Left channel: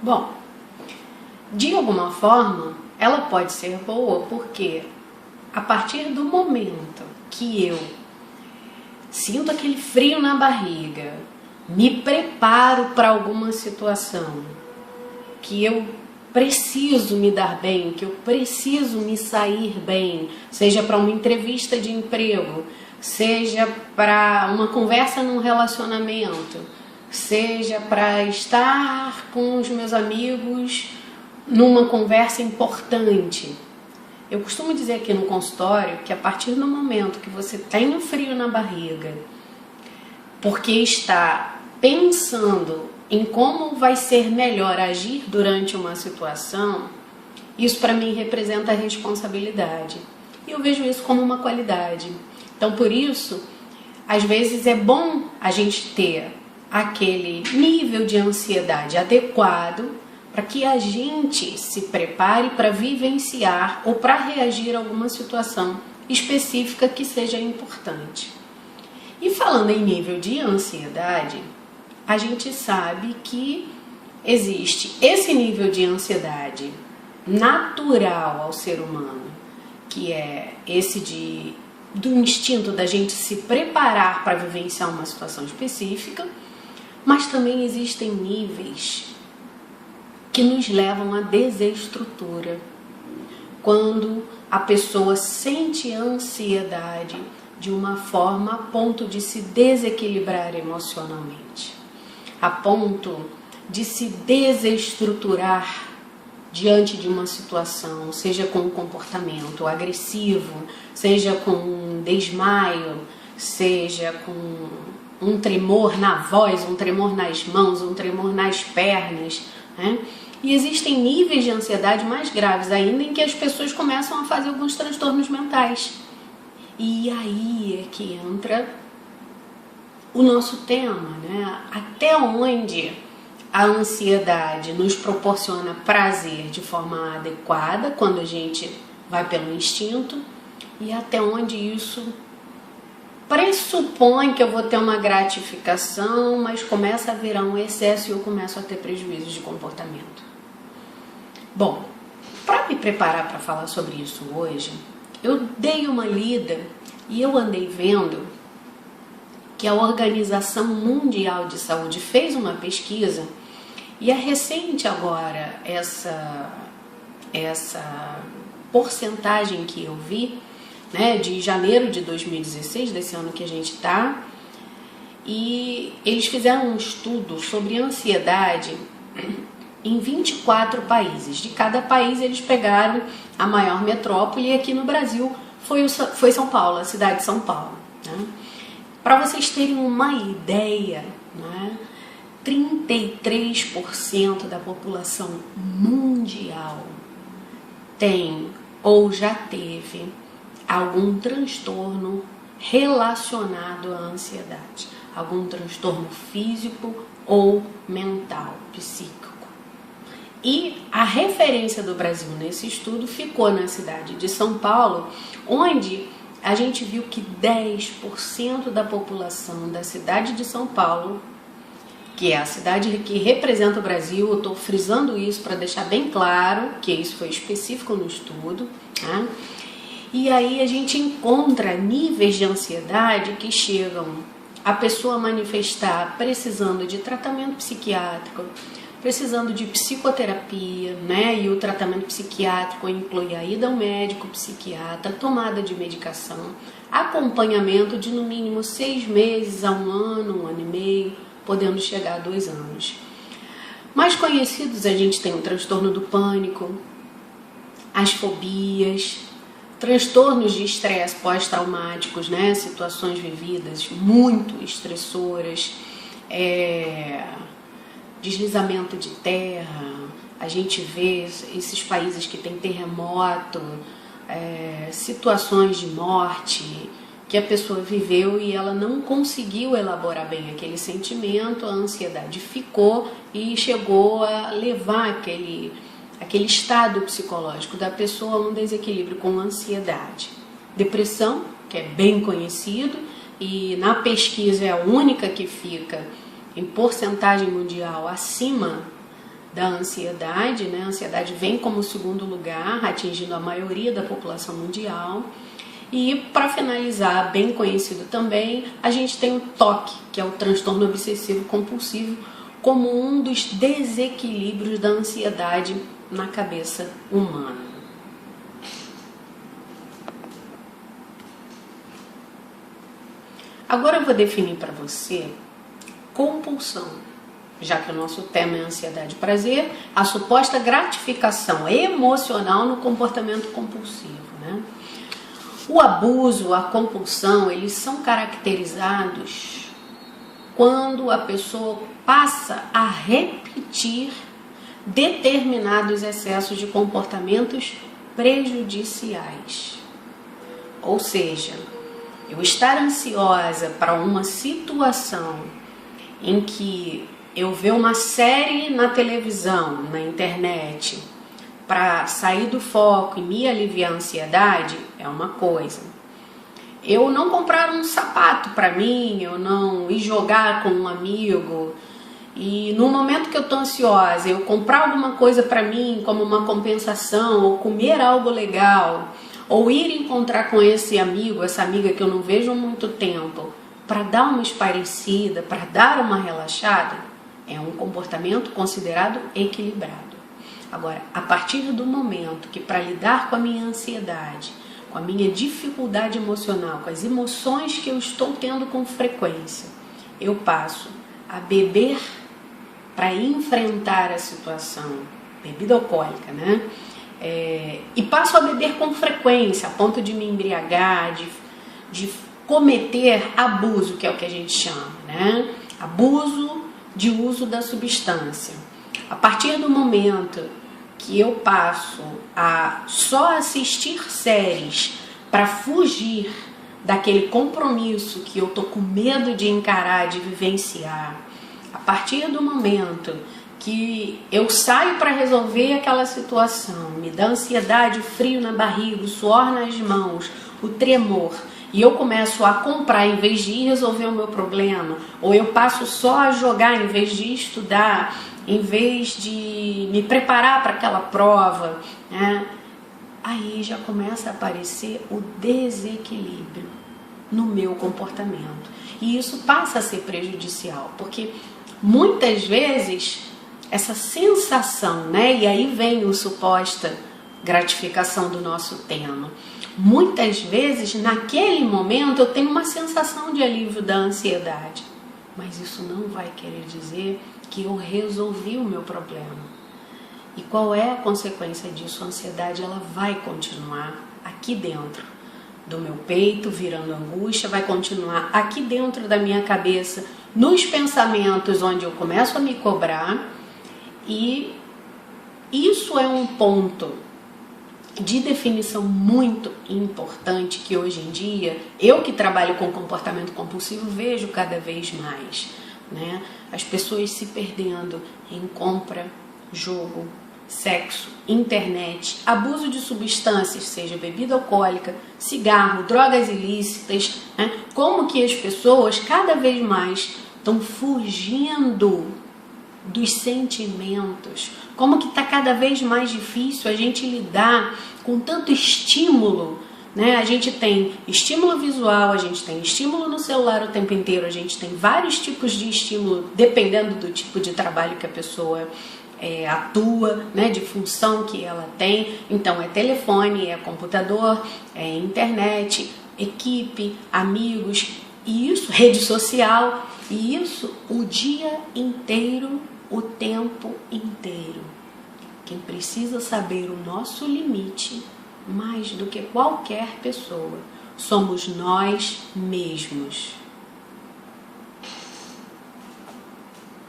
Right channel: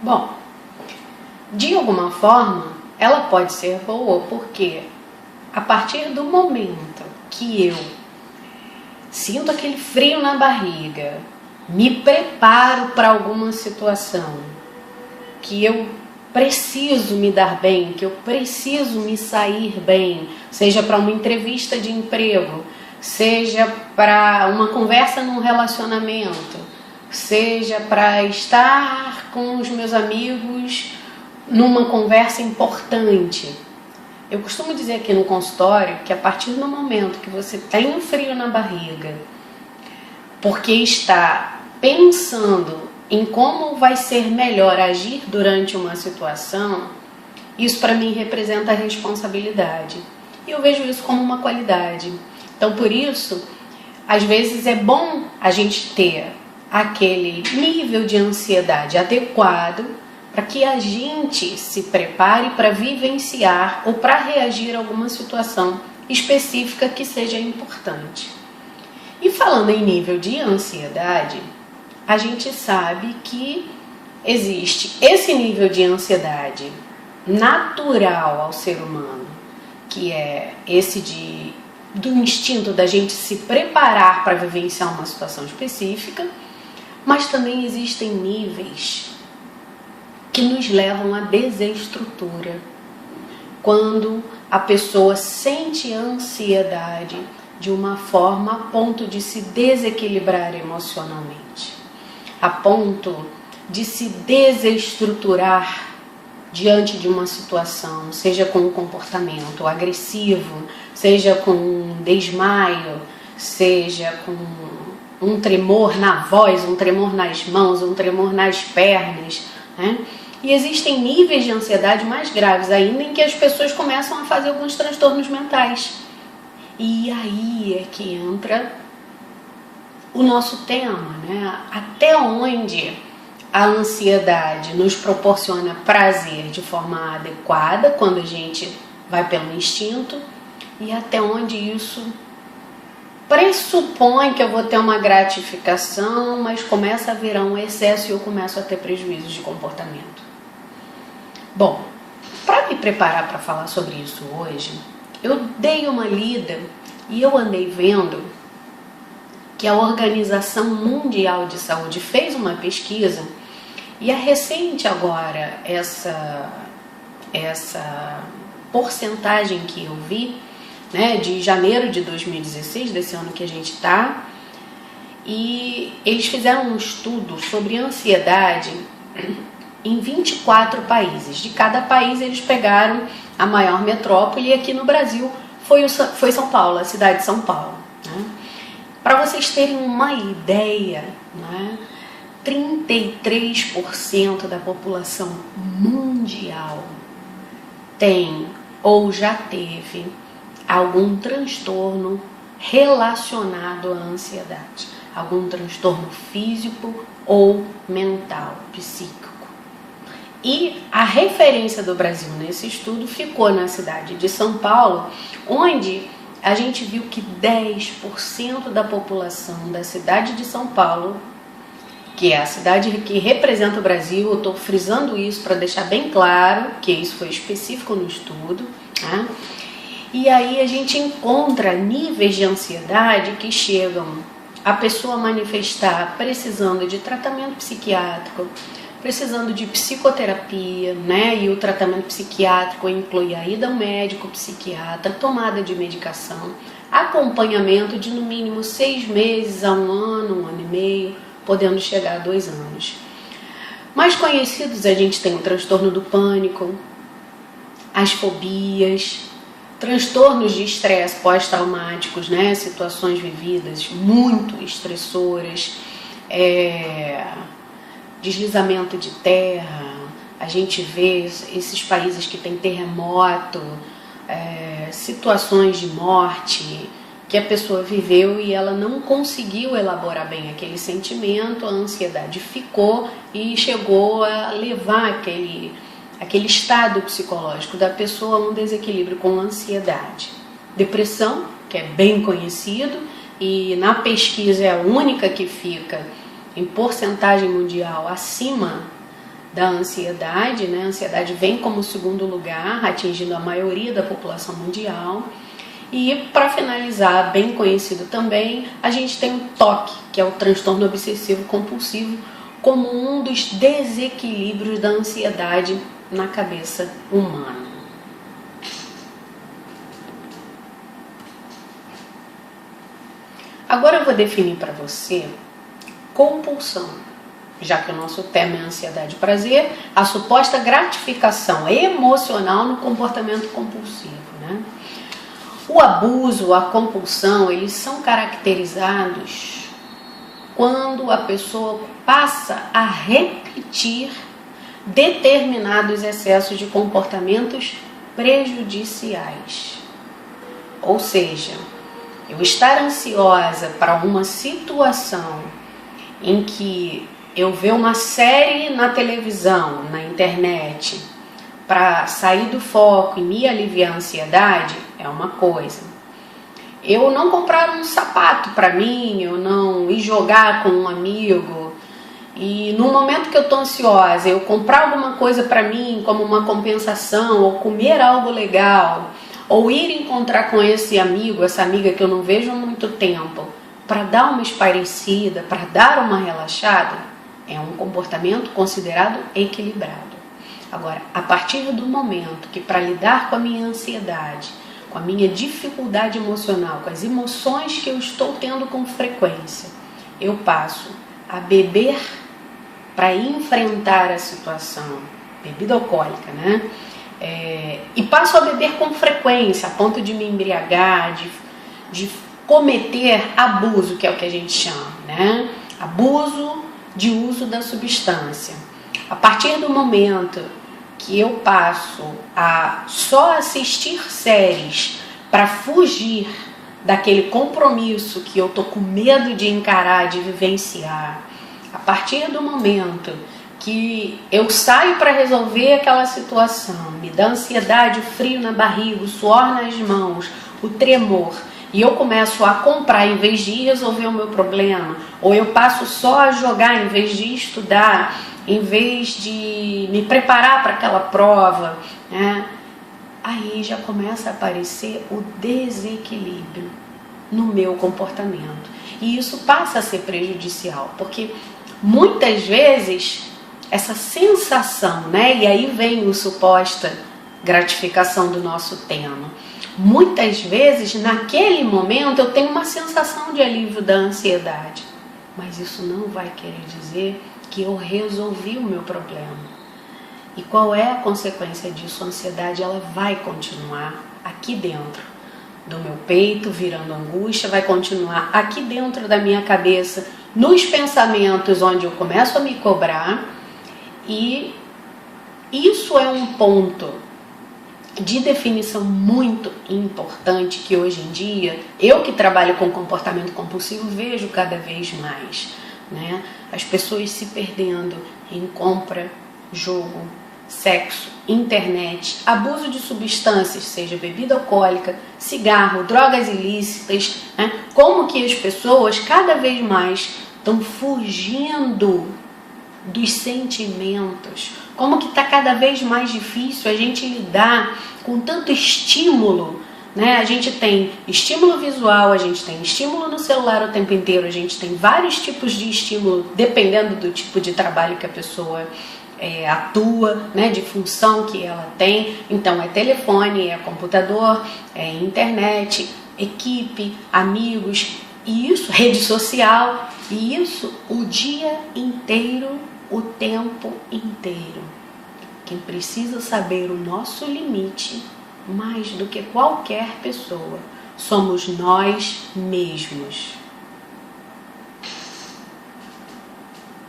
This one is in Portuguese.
Bom, de alguma forma, ela pode ser boa porque a partir do momento que eu sinto aquele frio na barriga, me preparo para alguma situação, que eu preciso me dar bem, que eu preciso me sair bem, seja para uma entrevista de emprego, seja para uma conversa num relacionamento, seja para estar com os meus amigos numa conversa importante. Eu costumo dizer aqui no consultório que a partir do momento que você tem um frio na barriga, porque está pensando em como vai ser melhor agir durante uma situação, isso para mim representa a responsabilidade. E eu vejo isso como uma qualidade. Então, por isso, às vezes é bom a gente ter aquele nível de ansiedade adequado para que a gente se prepare para vivenciar ou para reagir a alguma situação específica que seja importante. E falando em nível de ansiedade, a gente sabe que existe esse nível de ansiedade natural ao ser humano, que é esse do instinto da gente se preparar para vivenciar uma situação específica, mas também existem níveis que nos levam à desestrutura, quando a pessoa sente ansiedade de uma forma a ponto de se desequilibrar emocionalmente, a ponto de se desestruturar diante de uma situação, seja com um comportamento agressivo, seja com um desmaio, seja com um tremor na voz, um tremor nas mãos, um tremor nas pernas, né? E existem níveis de ansiedade mais graves ainda em que as pessoas começam a fazer alguns transtornos mentais. E aí é que entra o nosso tema, né? Até onde a ansiedade nos proporciona prazer de forma adequada, quando a gente vai pelo instinto, e até onde isso pressupõe que eu vou ter uma gratificação, mas começa a virar um excesso e eu começo a ter prejuízos de comportamento. Bom, para me preparar para falar sobre isso hoje, eu dei uma lida e eu andei vendo que a Organização Mundial de Saúde fez uma pesquisa e é recente agora essa porcentagem que eu vi, né, de janeiro de 2016, desse ano que a gente está, e eles fizeram um estudo sobre ansiedade em 24 países. De cada país eles pegaram a maior metrópole, e aqui no Brasil foi São Paulo, a cidade de São Paulo, né? Para vocês terem uma ideia, né, 33% da população mundial tem ou já teve algum transtorno relacionado à ansiedade, algum transtorno físico ou mental, psíquico. E a referência do Brasil nesse estudo ficou na cidade de São Paulo, onde a gente viu que 10% da população da cidade de São Paulo, que é a cidade que representa o Brasil, eu estou frisando isso para deixar bem claro que isso foi específico no estudo, né? E aí a gente encontra níveis de ansiedade que chegam a pessoa manifestar precisando de tratamento psiquiátrico, precisando de psicoterapia, né? E o tratamento psiquiátrico inclui a ida ao médico psiquiatra, tomada de medicação, acompanhamento de no mínimo 6 meses a 1 ano, 1 ano e meio, podendo chegar a 2 anos. Mais conhecidos, a gente tem o transtorno do pânico, as fobias, transtornos de estresse pós-traumáticos, né? Situações vividas muito estressoras, deslizamento de terra, a gente vê esses países que tem terremoto, situações de morte que a pessoa viveu e ela não conseguiu elaborar bem aquele sentimento, a ansiedade ficou e chegou a levar aquele estado psicológico da pessoa a um desequilíbrio com ansiedade. Depressão, que é bem conhecido e na pesquisa é a única que fica em porcentagem mundial acima da ansiedade, né? A ansiedade vem como segundo lugar, atingindo a maioria da população mundial. E para finalizar, bem conhecido também, a gente tem o TOC, que é o transtorno obsessivo compulsivo, como um dos desequilíbrios da ansiedade na cabeça humana. Agora eu vou definir para você compulsão, já que o nosso tema é ansiedade e prazer, a suposta gratificação emocional no comportamento compulsivo, né? O abuso, a compulsão, eles são caracterizados quando a pessoa passa a repetir determinados excessos de comportamentos prejudiciais. Ou seja, eu estar ansiosa para uma situação em que eu ver uma série na televisão, na internet, para sair do foco e me aliviar a ansiedade, é uma coisa. Eu não comprar um sapato para mim, eu não ir jogar com um amigo, e no momento que eu estou ansiosa, eu comprar alguma coisa para mim como uma compensação, ou comer algo legal, ou ir encontrar com esse amigo, essa amiga que eu não vejo há muito tempo, para dar uma espairecida, para dar uma relaxada, é um comportamento considerado equilibrado. Agora, a partir do momento que para lidar com a minha ansiedade, com a minha dificuldade emocional, com as emoções que eu estou tendo com frequência, eu passo a beber para enfrentar a situação, bebida alcoólica, né? E passo a beber com frequência, a ponto de me embriagar, de cometer abuso, que é o que a gente chama, né? Abuso de uso da substância. A partir do momento que eu passo a só assistir séries para fugir daquele compromisso que eu tô com medo de encarar, de vivenciar, a partir do momento que eu saio para resolver aquela situação, me dá ansiedade, o frio na barriga, o suor nas mãos, o tremor, e eu começo a comprar em vez de resolver o meu problema, ou eu passo só a jogar em vez de estudar, em vez de me preparar para aquela prova, né? Aí já começa a aparecer o desequilíbrio no meu comportamento. E isso passa a ser prejudicial, porque muitas vezes essa sensação, né? E aí vem a suposta gratificação do nosso tema. Muitas vezes, naquele momento, eu tenho uma sensação de alívio da ansiedade, mas isso não vai querer dizer que eu resolvi o meu problema. E qual é a consequência disso? A ansiedade, ela vai continuar aqui dentro do meu peito, virando angústia, vai continuar aqui dentro da minha cabeça, nos pensamentos onde eu começo a me cobrar, e isso é um ponto de definição muito importante que hoje em dia, eu que trabalho com comportamento compulsivo, vejo cada vez mais, né? As pessoas se perdendo em compra, jogo, sexo, internet, abuso de substâncias, seja bebida alcoólica, cigarro, drogas ilícitas, né? Como que as pessoas cada vez mais estão fugindo dos sentimentos, como que está cada vez mais difícil a gente lidar com tanto estímulo, né? A gente tem estímulo visual, a gente tem estímulo no celular o tempo inteiro, a gente tem vários tipos de estímulo, dependendo do tipo de trabalho que a pessoa atua, né? De função que ela tem. Então é telefone, é computador, é internet, equipe, amigos, e isso, rede social, e isso o dia inteiro, o tempo inteiro. Quem precisa saber o nosso limite, mais do que qualquer pessoa, somos nós mesmos.